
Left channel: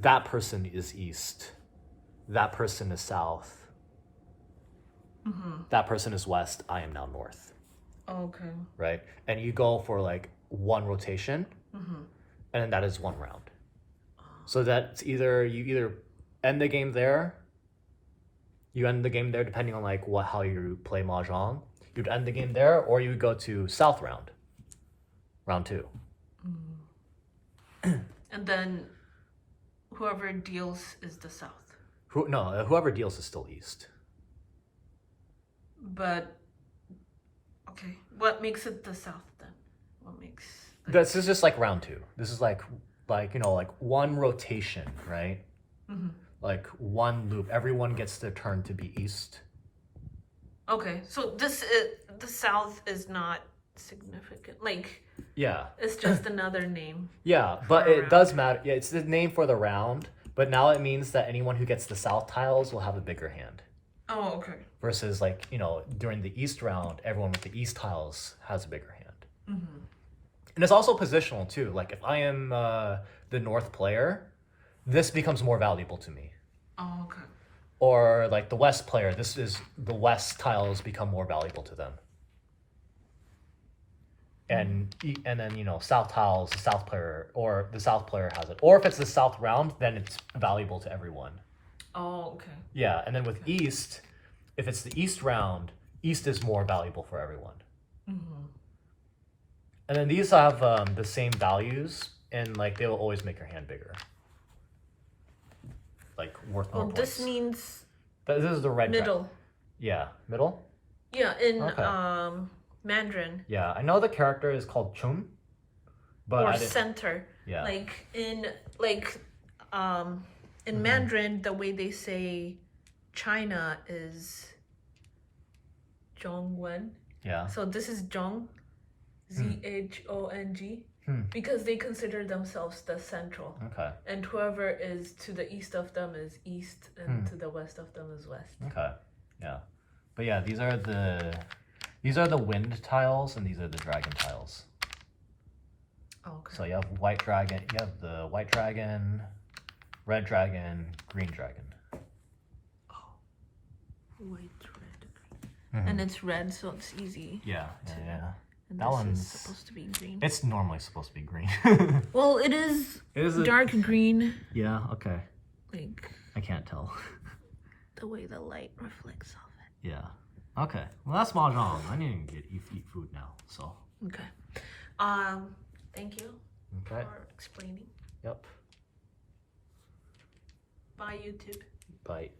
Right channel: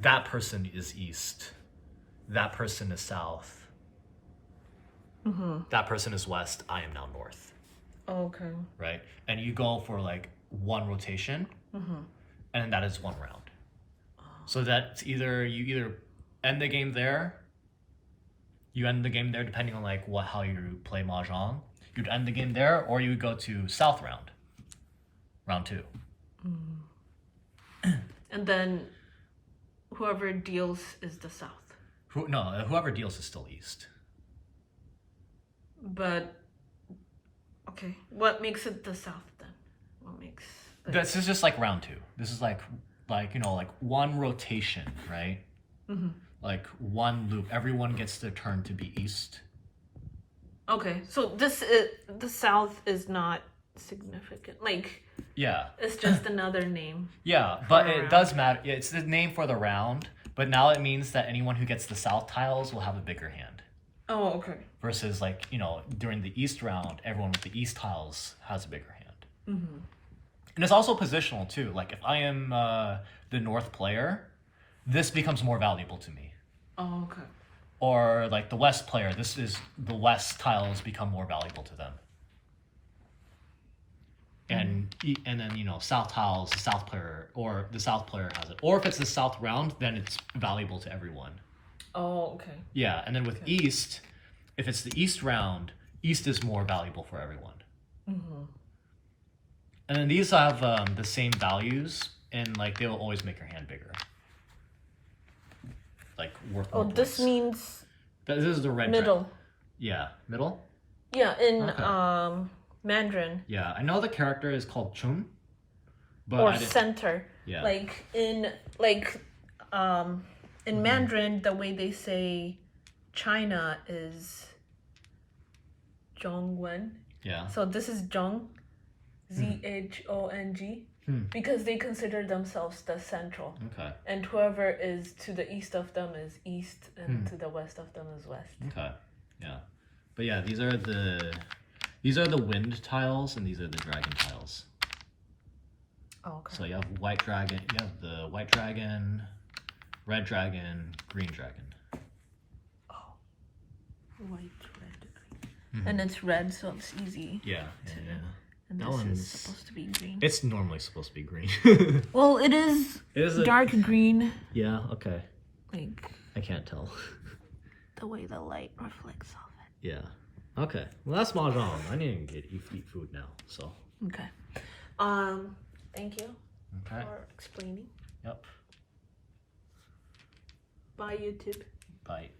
that person is east, that person is south, that person is west. I am now north. Okay. Right, and you go for like 1 rotation, and that is 1 round. So that's you either end the game there. You end the game there depending on like how you play Mahjong. You'd end the game there, or you go to south round. Round 2. And then whoever deals is the south. Whoever deals is still east. But okay, what makes it the south then? What makes this is just like round 2. This is like 1 rotation, right? Like 1 loop. Everyone gets their turn to be east. Okay, so the south is not significant. Like it's just another name. Yeah, but it does matter. Yeah, it's the name for the round, but now it means that anyone who gets the south tiles will have a bigger hand. Oh, okay. Versus during the east round, everyone with the east tiles has a bigger hand. And it's also positional too. Like if I am the north player, this becomes more valuable to me. Oh, okay. Or like the west player, the west tiles become more valuable to them. And then south tiles, the south player has it. Or if it's the south round, then it's valuable to everyone. Oh, okay. Yeah, and then with east, if it's the east round, east is more valuable for everyone. And then these have the same values, and like they will always make your hand bigger. Like worth more points. This means this is the red middle. Yeah, middle? Yeah, in Mandarin. Yeah, I know the character is called Chun, but center. Yeah. Like in Mandarin, the way they say China is Zhongwen. Yeah. So this is Zhong, Zhong, because they consider themselves the central. Okay. And whoever is to the east of them is east, and to the west of them is west. Okay. Yeah. But yeah, these are the wind tiles, and these are the dragon tiles. Oh, okay. So you have white dragon. You have the white dragon, red dragon, green dragon. Oh. White, red. And it's red, so it's easy. Yeah. And that this one's is supposed to be green. It's normally supposed to be green. Well, it is dark green. Yeah, okay. Like I can't tell. The way the light reflects off it. Yeah. Okay. Well, that's Mahjong. I need to eat food now, so. Okay. Thank you for explaining. Yep. Bye, YouTube. Bye.